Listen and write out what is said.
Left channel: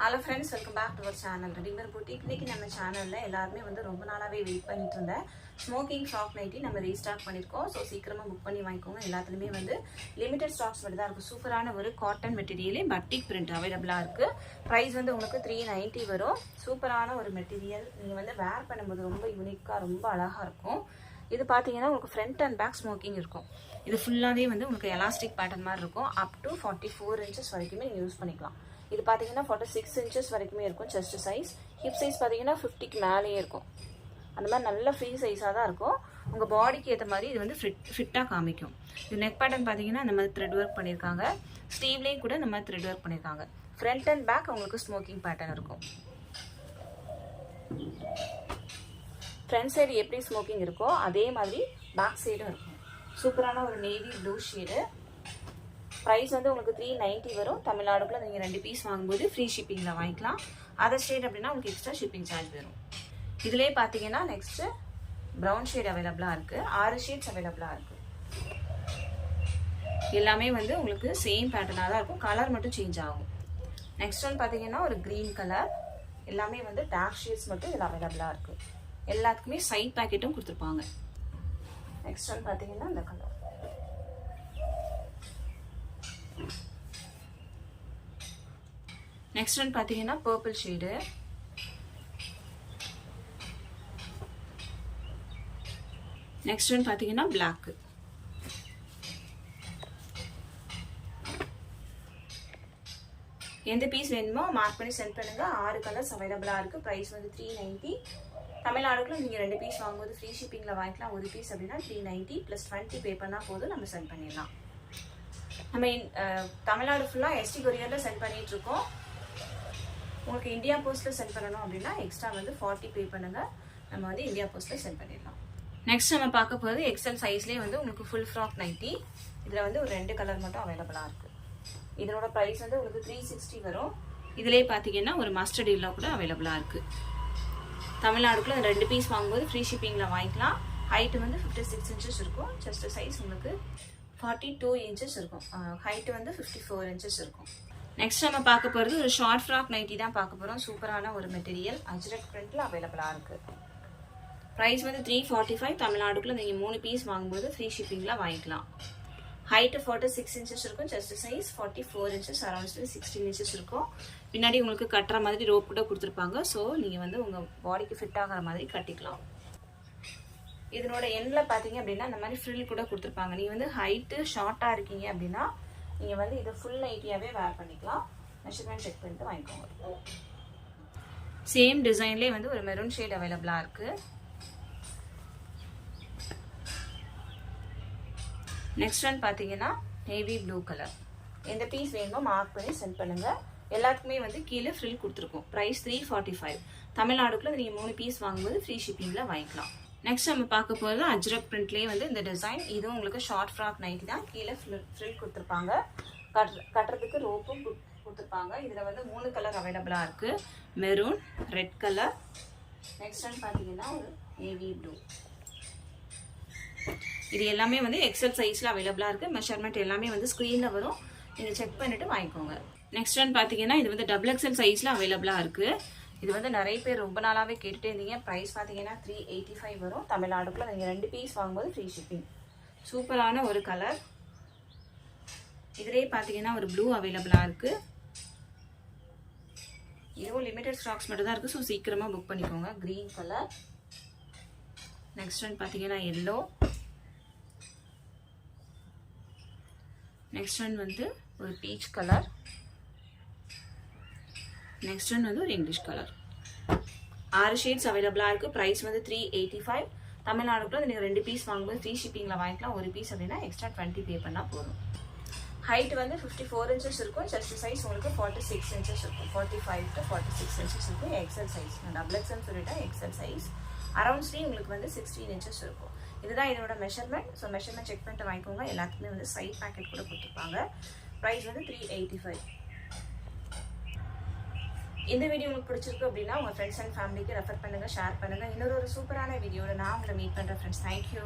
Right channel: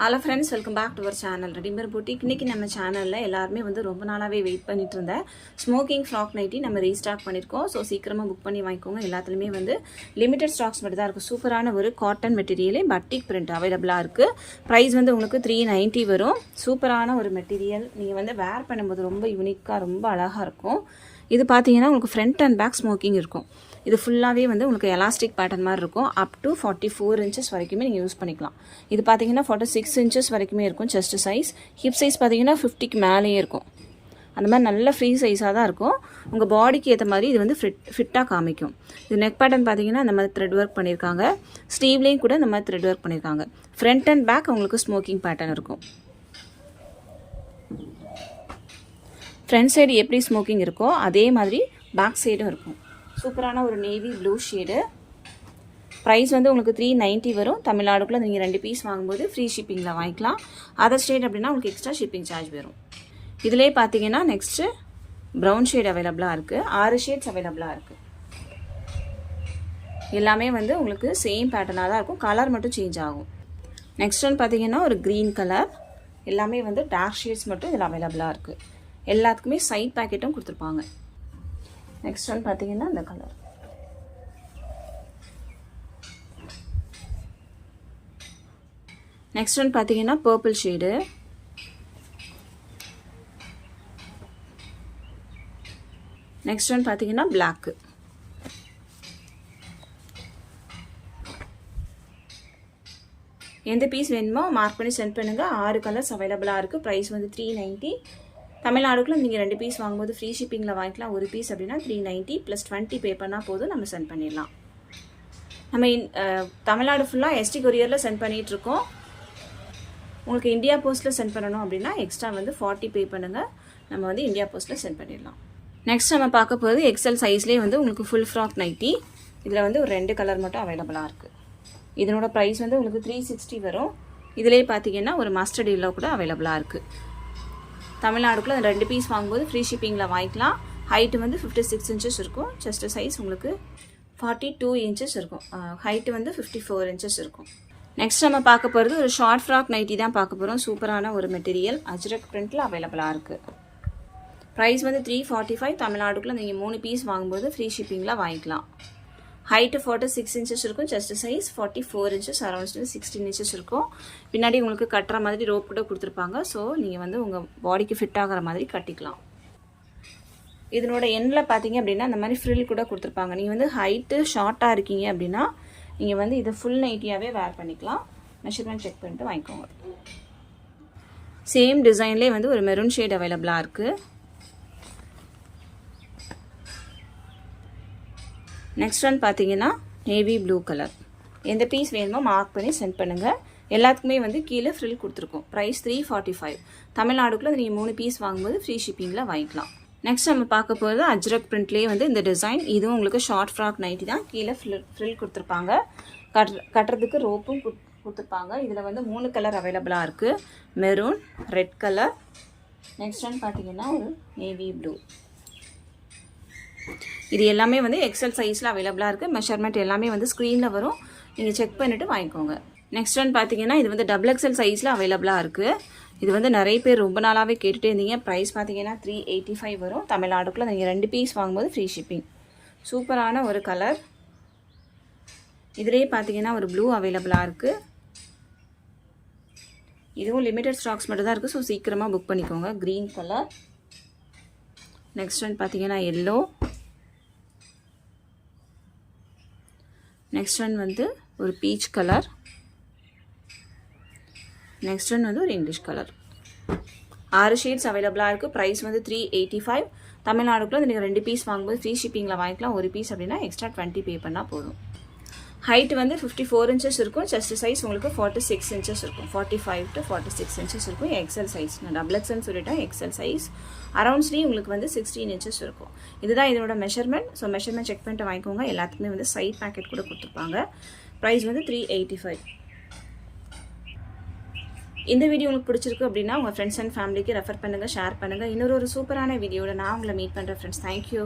Hello friends, welcome back to our channel readymade boutique. இன்றைக்கி நம்ம சேனலில் எல்லாருமே ரொம்ப நாளாகவே வெயிட் பண்ணிட்டு இருந்தேன் ஸ்மோக்கிங் ஃப்ராக் நைட்டி நம்ம ரீஸ்டாக் பண்ணியிருக்கோம். ஸோ சீக்கிரமாக புக் பண்ணி வாங்கிக்கோங்க. எல்லாத்துலேயுமே லிமிடெட் ஸ்டாக்ஸ் மட்டும் தான் இருக்குது. சூப்பரான ஒரு காட்டன் மெட்டீரியலே பட்டிக் பிரிண்ட் அவைலபிளாக இருக்குது. ப்ரைஸ் உங்களுக்கு 390 வரும். சூப்பரான ஒரு மெட்டீரியல். நீங்கள் வேர் பண்ணும்போது ரொம்ப யூனிக்காக ரொம்ப அழகாக இருக்கும். இது பார்த்தீங்கன்னா உங்களுக்கு ஃப்ரண்ட் அண்ட் பேக் ஸ்மோக்கிங் இருக்கும். இது ஃபுல்லாகவே உங்களுக்கு எலாஸ்டிக் பேட்டர்ன் மாதிரி இருக்கும். அப் டு 44 inches வரைக்குமே நீங்கள் யூஸ் பண்ணிக்கலாம். இது பார்த்தீங்கன்னா 46 inches வரைக்குமே இருக்கும் செஸ்ட் சைஸ். ஹிப் சைஸ் பார்த்தீங்கன்னா 50க்கு மேலேயே இருக்கும். அந்த மாதிரி நல்ல ஃப்ரீ சைஸாக தான் இருக்கும். உங்கள் பாடிக்கு ஏற்ற மாதிரி இது ஃபிட்டாக காமிக்கும். இது நெக் பேட்டர்ன் பார்த்தீங்கன்னா இந்த மாதிரி த்ரெட் ஒர்க் பண்ணியிருக்காங்க. ஸ்லீவ்லேயும் கூட இந்த மாதிரி த்ரெட் ஒர்க் பண்ணியிருக்காங்க. ஃப்ரண்ட் அண்ட் பேக் உங்களுக்கு ஸ்மோக்கிங் பேட்டர்ன் இருக்கும். ஃப்ரண்ட் சைடு எப்படி ஸ்மோக்கிங் இருக்கோ அதே மாதிரி பேக் சைடும் இருக்கும். சூப்பரான ஒரு நேவி ப்ளூ ஷேடு. ப்ரைஸ் உங்களுக்கு 390 வரும். தமிழ்நாடுக்குள்ளே நீங்கள் 2 பீஸ் வாங்கும்போது ஃப்ரீ ஷிப்பிங்கில் வாங்கிக்கலாம். அதர் ஸ்டேட் அப்படின்னா உங்களுக்கு எக்ஸ்ட்ரா ஷிப்பிங் சார்ஜ் வரும். இதிலே பார்த்தீங்கன்னா நெக்ஸ்ட்டு ப்ரௌன் ஷேட் அவைலபிளாக இருக்குது. 6 ஷேட்ஸ் அவைலபிளாக இருக்குது. எல்லாமே உங்களுக்கு சேம் பேட்டர்னாக தான் இருக்கும். கலர் மட்டும் சேஞ்ச் ஆகும். நெக்ஸ்ட் ஒன் பார்த்தீங்கன்னா ஒரு க்ரீன் கலர். எல்லாமே டார்க் ஷேட்ஸ் மட்டும் இதில் அவைலபிளாக இருக்குது. எல்லாத்துக்குமே சைட் பேக்கெட்டும் கொடுத்துருப்பாங்க. நெக்ஸ்ட் ஒன் பார்த்தீங்கன்னா இந்த கலர். நெக்ஸ்ட் ஒன் பார்த்தீங்கன்னா பர்பிள் ஷேடு. நெக்ஸ்ட் ஒன் பார்த்தீங்கன்னா பிளாக். எந்த பீஸ் வேணுமோ மார்க் பண்ணி சென்ட் பண்ணுங்கள். 6 கலர்ஸ் அவைலபிளாக இருக்குது. ப்ரைஸ் 390. தமிழ்நாடுக்குள்ள நீங்கள் 2 பீஸ் வாங்கும்போது ஃப்ரீ ஷிப்பிங்கில் வாங்கிக்கலாம். ஒரு பீஸ் அப்படின்னா 390 + 20 பே பண்ணால் போதும், நம்ம சென்ட் பண்ணிடலாம். நம்ம தமிழ்நாடு ஃபுல்லாக எஸ்டி கொரியரில் சென்ட் பண்ணிகிட்ருக்கோம். உங்களுக்கு இந்தியா போஸ்ட்டில் சென்ட் பண்ணணும் அப்படின்னா எக்ஸ்ட்ரா 40 பே பண்ணுங்கள். நம்ம இந்தியா போஸ்ட்டில் சென்ட் பண்ணிடலாம். நெக்ஸ்ட் நம்ம பார்க்க போகிறது எக்ஸல் சைஸ்லேயே உங்களுக்கு ஃபுல் ஃப்ராக் நைட்டி. இதில் ஒரு 2 கலர் மட்டும் அவைலபிளாக இருக்குது. இதனோட ப்ரைஸ் உங்களுக்கு 360 வரும். இதிலே பார்த்தீங்கன்னா ஒரு மஸ்டர்ட் எல்லோ கூட அவைலபிளாக இருக்குது. தமிழ்நாடுக்குள்ள 2 பீஸ் வாங்கும்போது ஃப்ரீ ஷிப்பிங்கில் வாங்கிக்கலாம். ஹைட்டு 56 inches இருக்கும். செஸ்ட் சைஸ் 42 inches இருக்கும். ஹைட்டு 54 inches இருக்கும். நெக்ஸ்ட் நம்ம பார்க்க போகிறது ஒரு ஷார்ட் ஃப்ராக் நைட்டி தான் பார்க்க போகிறோம். சூப்பரான ஒரு மெட்டீரியல் அஜ்ரக் பிரிண்டில் அவைலபிளாக இருக்குது. ப்ரைஸ் 345. தமிழ்நாடுக்குள்ள நீங்கள் 3 பீஸ் வாங்கும்போது ஃப்ரீ ஷிப்பிங்கில் வாங்கிக்கலாம். ஹைட்டு 46 inches இருக்கும். Chest size 44 inches, around 16 inches இருக்கும். பின்னாடி உங்களுக்கு கட்டுற மாதிரி ரோப் கூட கொடுத்துருப்பாங்க. ஸோ நீங்கள் உங்கள் பாடிக்கு ஃபிட் ஆகிற மாதிரி கட்டிக்கலாம். இதனோட எண்ணில் பார்த்தீங்க அப்படின்னா இந்த மாதிரி ஃப்ரில் கூட கொடுத்துருப்பாங்க. நீங்கள் ஹைட்டு ஷார்ட்டாக இருக்கீங்க அப்படின்னா நீங்கள் இதை ஃபுல் நைட்டியாகவே வேர் பண்ணிக்கலாம். மெஷர்மெண்ட் செக் பண்ணிட்டு வாங்கிக்கோங்க. சேம் டிசைன்லேயே ஒரு மெரூன் ஷேட் அவைலபிளாக இருக்குது. நெக்ஸ்ட் ஒன் பார்த்தீங்கன்னா நேவி ப்ளூ கலர். எந்த பீஸ் வேணுமோ மார்க் பண்ணி சென்ட் பண்ணுங்கள். எல்லாத்துக்குமே கீழே ஃப்ரில் கொடுத்துருக்கோம். ப்ரைஸ் 345. தமிழ்நாடுக்குள்ள நீங்கள் 3 பீஸ் வாங்கும்போது ஃப்ரீ ஷிப்பிங்கில் வாங்கிக்கலாம். நெக்ஸ்ட் நம்ம பார்க்க போகிறது அஜ்ரக் பிரிண்ட்லேயே இந்த டிசைன். இதுவும் உங்களுக்கு ஷார்ட் ஃப்ராக் நைட்டி தான். கீழே ஃப்ரில் கொடுத்துருப்பாங்க. கட்டுறதுக்கு ரோப்பும் கொடுத்துருப்பாங்க. இதில் 3 கலர் அவைலபிளாக இருக்குது. Maroon, red colour. Next one பார்த்தீங்கன்னா ஒரு நேவி ப்ளூ. இது எல்லாமே எக்ஸல் சைஸில் அவைலபிளாக இருக்குது. மெஷர்மெண்ட் எல்லாமே ஸ்க்ரீனில் வரும். நீங்கள் செக் பண்ணிவிட்டு வாங்கிக்கோங்க. நெக்ஸ்ட் ஒன் பார்த்தீங்கன்னா இது டபுள் எக்ஸல் சைஸில் அவைலபிளாக இருக்குது. இது நிறைய பேர் ரொம்ப நாளாகவே கேட்டுகிட்டே இருந்தீங்க. ப்ரைஸ் பார்த்தீங்கன்னா 385 வரும். தமிழ்நாடுக்குள்ள நீங்கள் 2 பீஸ் வாங்கும்போது ஃப்ரீ ஷிப்பிங். சூப்பரான ஒரு கலர். இதிலே பார்த்தீங்கன்னா ஒரு ப்ளூ அவைலபிளாக இருக்குது. இதுவும் லிமிடெட் ஸ்டாக்ஸ் மட்டும் தான் இருக்குது. ஸோ சீக்கிரமாக புக் பண்ணிக்கோங்க. Green colour. நெக்ஸ்ட் ஒன் பார்த்தீங்கன்னா எல்லோ. நெக்ஸ்ட் ஒன் ஒரு பீச் கலர். நெக்ஸ்ட் ஒன் ஒரு இங்கிலீஷ் கலர். 6 ஷேட்ஸ் அவைலபிளாக இருக்குது. ப்ரைஸ் 385. தமிழ்நாடுக்குள்ள நீங்கள் 2 பீஸ் வாங்கும்போது ஃப்ரீ ஷிப்பிங்கில் வாங்கிக்கலாம். ஒரு பீஸ் அப்படின்னா எக்ஸ்ட்ரா 20 பே பண்ணால் போதும். ஹைட் 54 inches இருக்கும். செஸ்ட் சைஸ் 46 inches இருக்கும். 45 to 46 inches இருக்கும். XL size. நான் டபுள் எக்ஸ்எல்னு சொல்லிட்டேன். XL size. அரௌண்ட் ஸ்லீவ் உங்களுக்கு 16 inches இருக்கும். இதுதான் இதனோட மெஷர்மெண்ட். ஸோ மெஷர்மெண்ட் செக் பண்ணிட்டு வாங்கிக்கோங்க. எல்லாத்துக்குமே சைட் பேக்கெட் கூட கொடுத்துருப்பாங்க. ப்ரைஸ் 385. இந்த வீடியோ உங்களுக்கு பிடிச்சிருக்கு அப்படின்னா உங்கள் ஃப்ரெண்ட்ஸ் அண்ட் ஃபேமிலிக்கு ரெஃபர் பண்ணுங்கள், ஷேர் பண்ணுங்கள். இன்னொரு சூப்பரான வீடியோவில் நான் உங்களை மீட் பண்ணுறேன் ஃப்ரெண்ட்ஸ். தேங்க்யூ.